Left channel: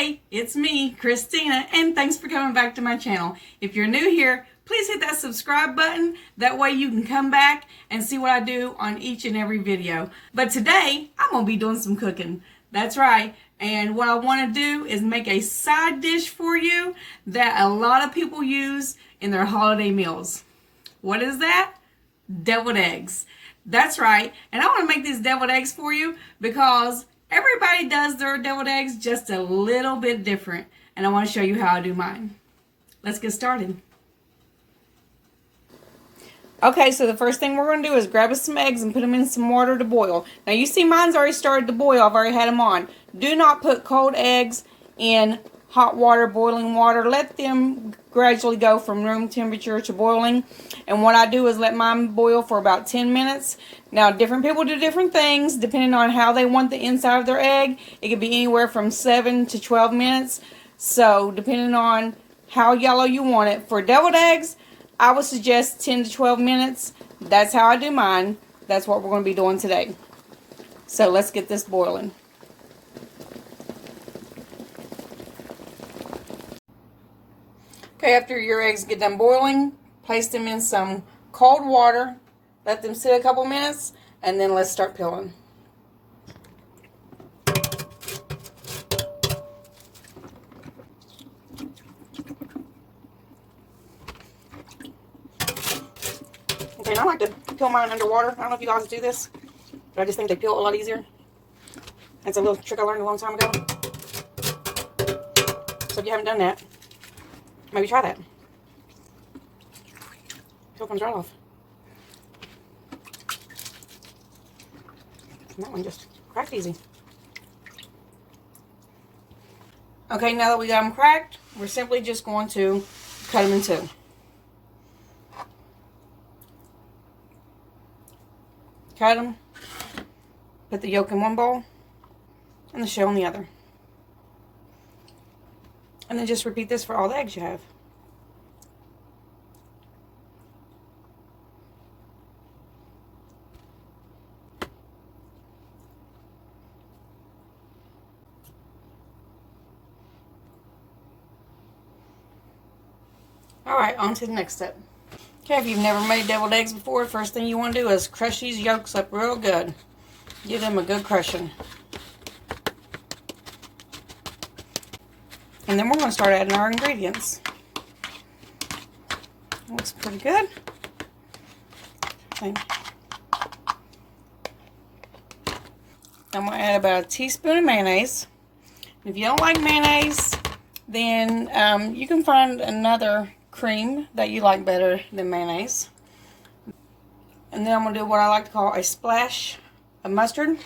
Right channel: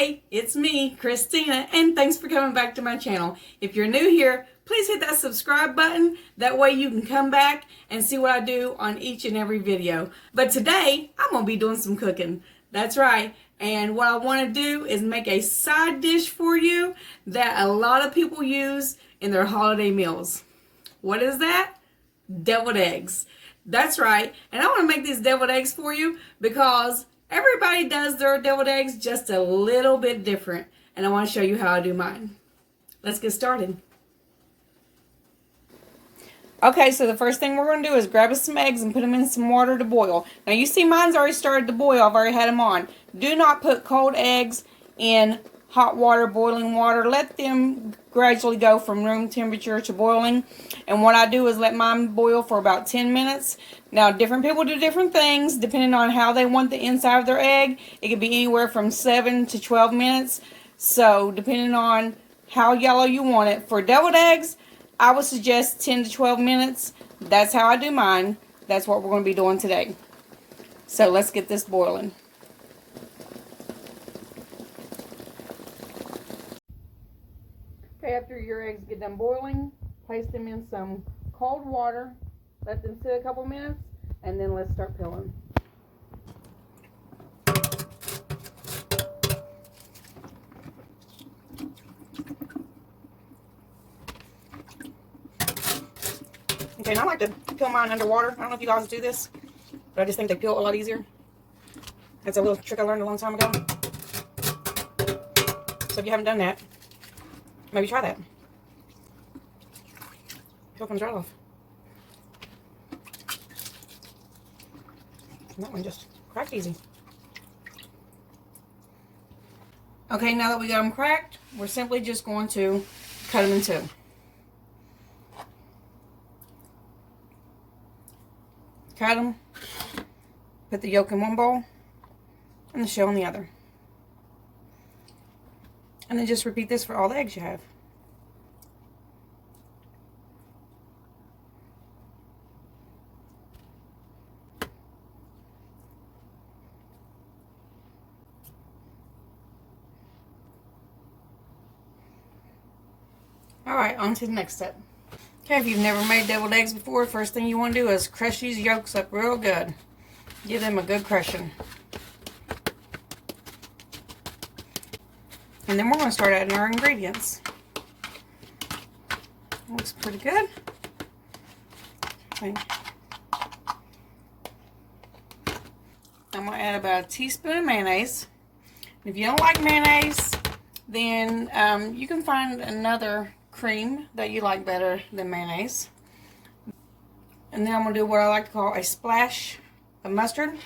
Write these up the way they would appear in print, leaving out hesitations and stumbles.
Hey, it's me, Christina, and thanks for coming back to my channel. If you're new here, please hit that subscribe button. That way you can come back and see what I do on each and every video. But today, I'm going to be doing some cooking. That's right. And what I want to do is make a side dish for you that a lot of people use in their holiday meals. What is that? Deviled eggs. That's right. And I want to make these deviled eggs for you because everybody does their deviled eggs just a little bit different. And I want to show you how I do mine. Let's get started. Okay, so the first thing we're going to do is grab us some eggs and put them in some water to boil. Now you see mine's already started to boil. I've already had them on. Do not put cold eggs in hot water, boiling water. Let them gradually go from room temperature to boiling. And what I do is let mine boil for about 10 minutes. Now different people do different things depending on how they want the inside of their egg. It could be anywhere from 7 to 12 minutes. So depending on how yellow you want it. For deviled eggs, I would suggest 10 to 12 minutes. That's how I do mine. That's what we're going to be doing today. So let's get this boiling. Okay, after your eggs get done boiling, place them in some cold water. Let them sit a couple minutes, and then let's start peeling. Okay, and I like to peel mine underwater. I don't know if you guys do this, but I just think they peel a lot easier. That's a little trick I learned a long time ago. So if you haven't done that, maybe try that. Peel comes right off. And that one just cracked easy. Okay, now that we got them cracked, we're simply just going to cut them in two. Cut them, put the yolk in one bowl and the shell in the other. And then just repeat this for all the eggs you have. Alright, on to the next step. Okay, if you've never made deviled eggs before, first thing you want to do is crush these yolks up real good. Give them a good crushing. And then we're going to start adding our ingredients. Looks pretty good. Okay. I'm going to add about a teaspoon of mayonnaise. If you don't like mayonnaise, then you can find another cream that you like better than mayonnaise. And then I'm going to do what I like to call a splash of mustard,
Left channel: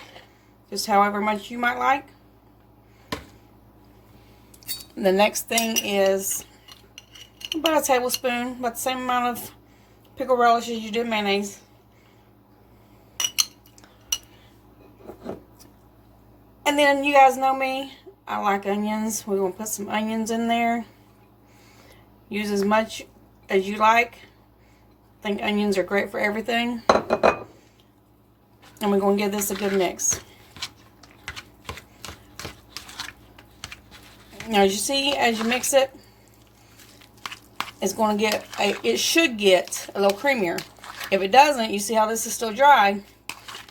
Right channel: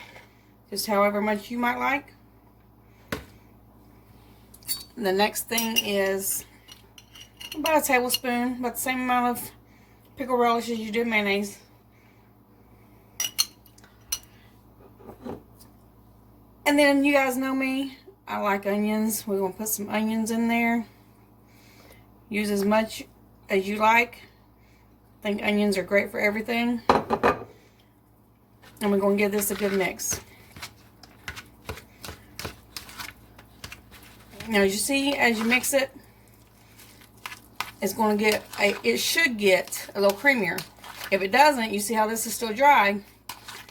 just however much you might like. The next thing is about a tablespoon, about the same amount of pickle relish as you do mayonnaise. And then you guys know me, I like onions. We're going to put some onions in there. Use as much as you like. I think onions are great for everything. And we're going to give this a good mix. Now as you see, as you mix it, it's going to get, it should get a little creamier. If it doesn't, you see how this is still dry,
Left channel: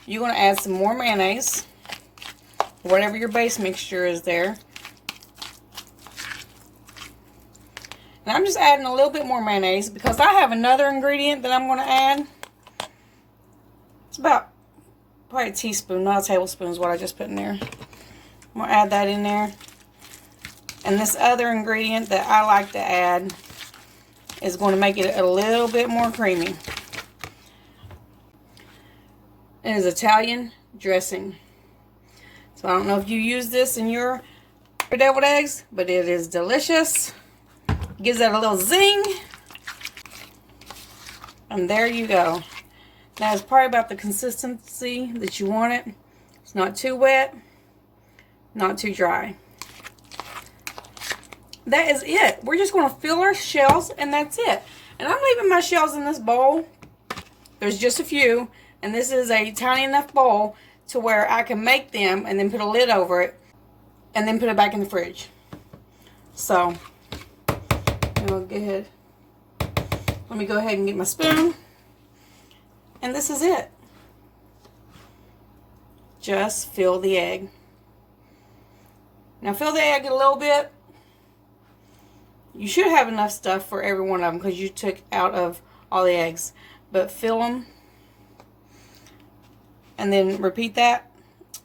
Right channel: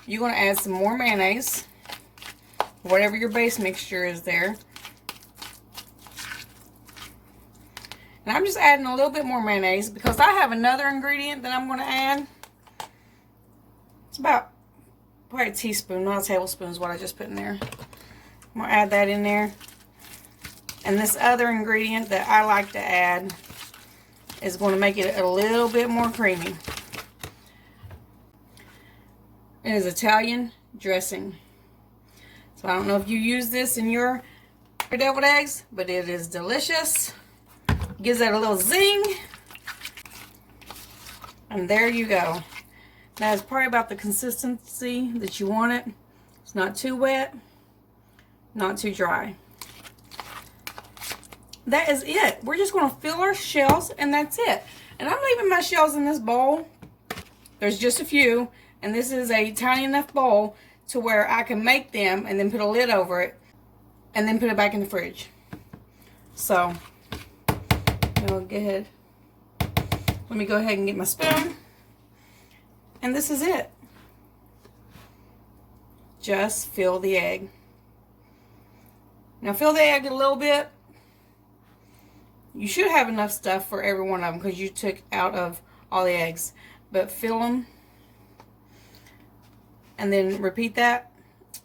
you're going to add some more mayonnaise. Whatever your base mixture is there. And I'm just adding a little bit more mayonnaise because I have another ingredient that I'm going to add. It's about probably a teaspoon, not a tablespoon is what I just put in there. I'm going to add that in there. And this other ingredient that I like to add is going to make it a little bit more creamy. It is Italian dressing. So I don't know if you use this in your deviled eggs, but it is delicious. Gives that a little zing. And there you go. Now it's probably about the consistency that you want it. It's not too wet, not too dry. That is it. We're just going to fill our shells and that's it. And I'm leaving my shells in this bowl. There's just a few. And this is a tiny enough bowl to where I can make them and then put a lid over it and then put it back in the fridge. So, we'll go ahead. Let me go ahead and get my spoon. And this is it. Just fill the egg. Now fill the egg a little bit. You should have enough stuff for every one of them because you took out of all the eggs. But fill them. And then repeat that.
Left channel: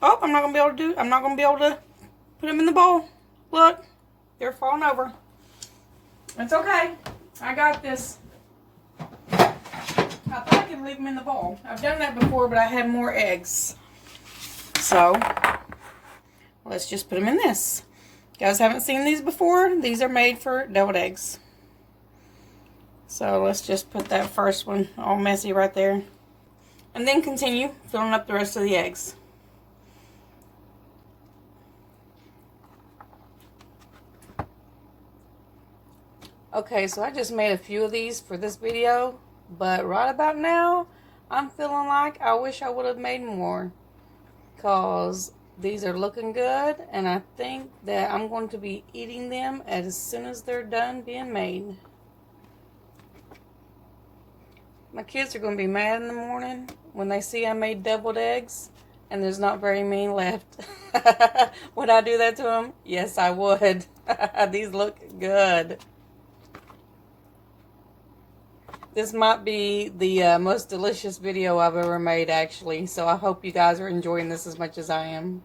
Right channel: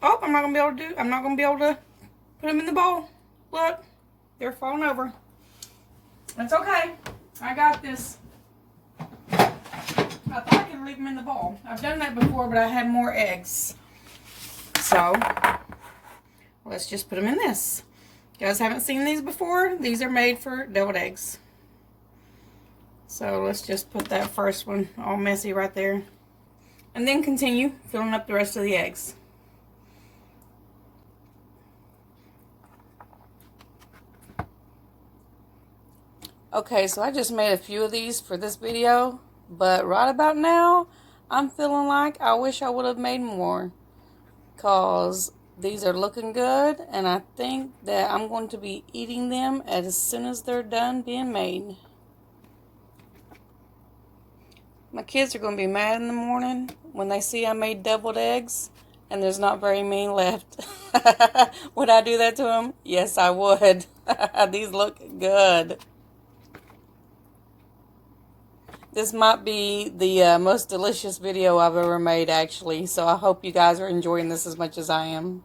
Oh, I'm not going to be able to put them in the bowl. Look, they're falling over. That's okay. I got this. I thought I could leave them in the bowl. I've done that before, but I had more eggs. So, let's just put them in this. You guys haven't seen these before? These are made for deviled eggs. So, let's just put that first one all messy right there. And then continue filling up the rest of the eggs. Okay, so I just made a few of these for this video, but right about now, I'm feeling like I wish I would have made more, because these are looking good, and I think that I'm going to be eating them as soon as they're done being made. My kids are going to be mad in the morning when they see I made deviled eggs, and there's not very many left. Would I do that to them? Yes, I would. These look good. This might be the most delicious video I've ever made, actually. So I hope you guys are enjoying this as much as I am.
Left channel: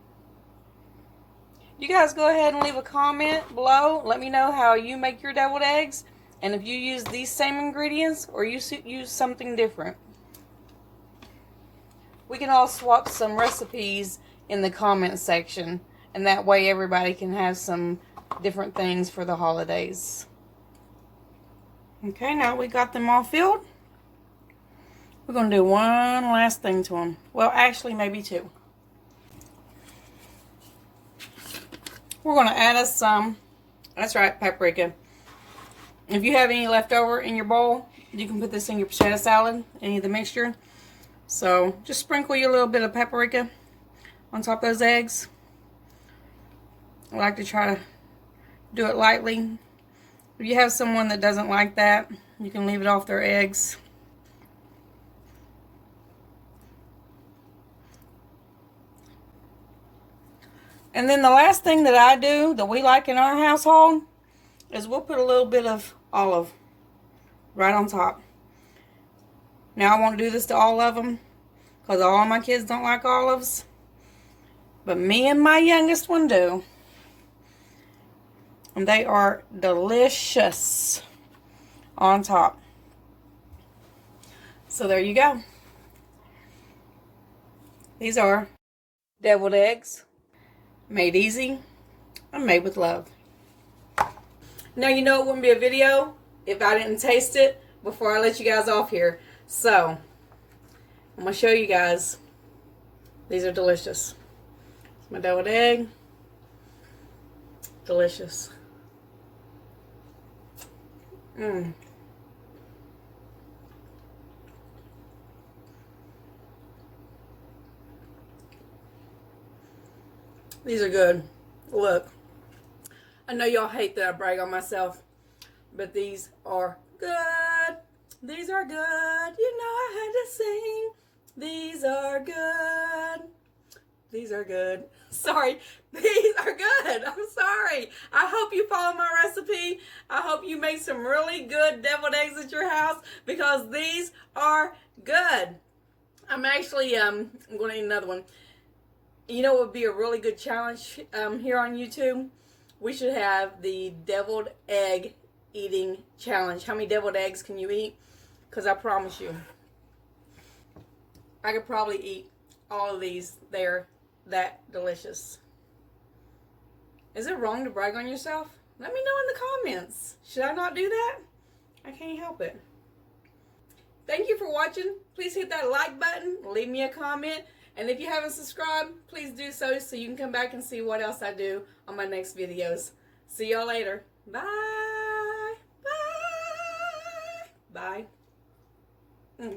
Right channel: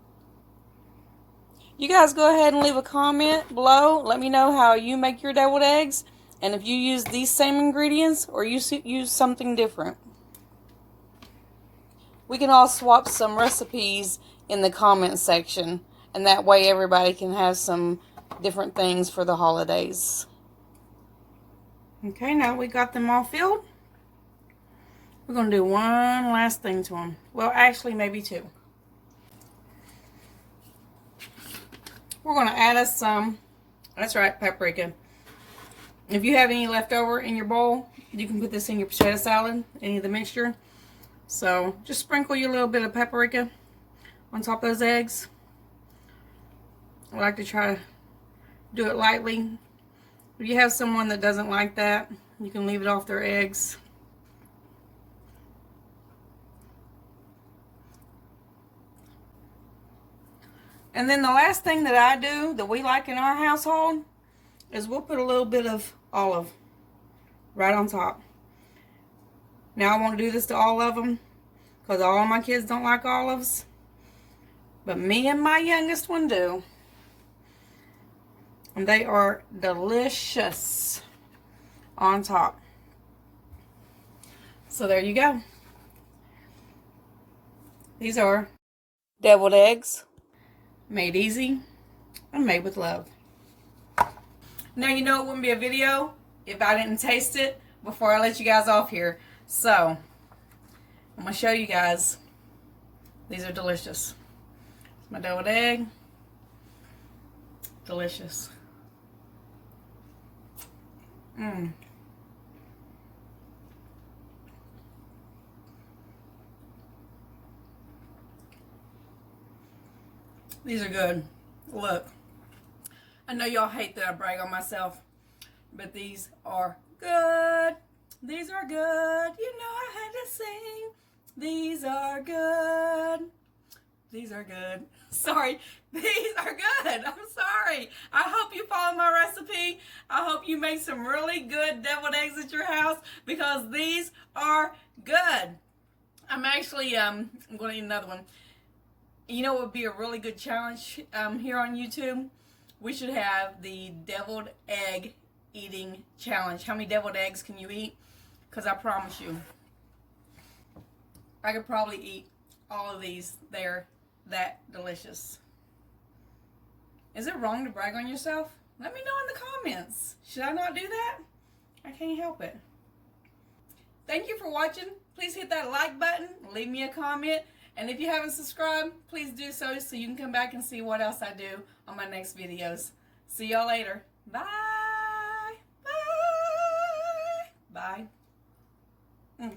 You guys go ahead and leave a comment below. Let me know how you make your deviled eggs. And if you use these same ingredients or you use something different. We can all swap some recipes in the comment section. And that way everybody can have some different things for the holidays. Okay, now we got them all filled. We're going to do one last thing to them. Well, actually, maybe two. We're going to add us some, that's right, paprika. If you have any left over in your bowl, you can put this in your potato salad, any of the mixture. So, just sprinkle your little bit of paprika on top of those eggs. I like to try to do it lightly. If you have someone that doesn't like that, you can leave it off their eggs. And then the last thing that I do, that we like in our household, is we'll put a little bit of olive right on top. Now I won't do this to all of them, because all of my kids don't like olives. But me and my youngest one do. And they are delicious on top. So there you go. These are deviled eggs, made easy and made with love. Now you know it wouldn't be a video if I didn't taste it before I let you guys off here. So, I'm going to show you guys. These are delicious. It's my deviled egg. Delicious. These are good. Look. I know y'all hate that I brag on myself, but these are good. These are good. You know I had to sing. These are good. These are good. Sorry. These are good. I'm sorry. I hope you follow my recipe. I hope you make some really good deviled eggs at your house, because these are good. I'm actually, I'm going to eat another one. You know what would be a really good challenge here on YouTube? We should have the deviled egg eating challenge. How many deviled eggs can you eat? Because I promise you, I could probably eat all of these. They're that delicious. Is it wrong to brag on yourself? Let me know in the comments. Should I not do that? I can't help it. Thank you for watching. Please hit that like button. Leave me a comment. And if you haven't subscribed, please do so you can come back and see what else I do on my next videos. See y'all later. Bye. Bye. Bye.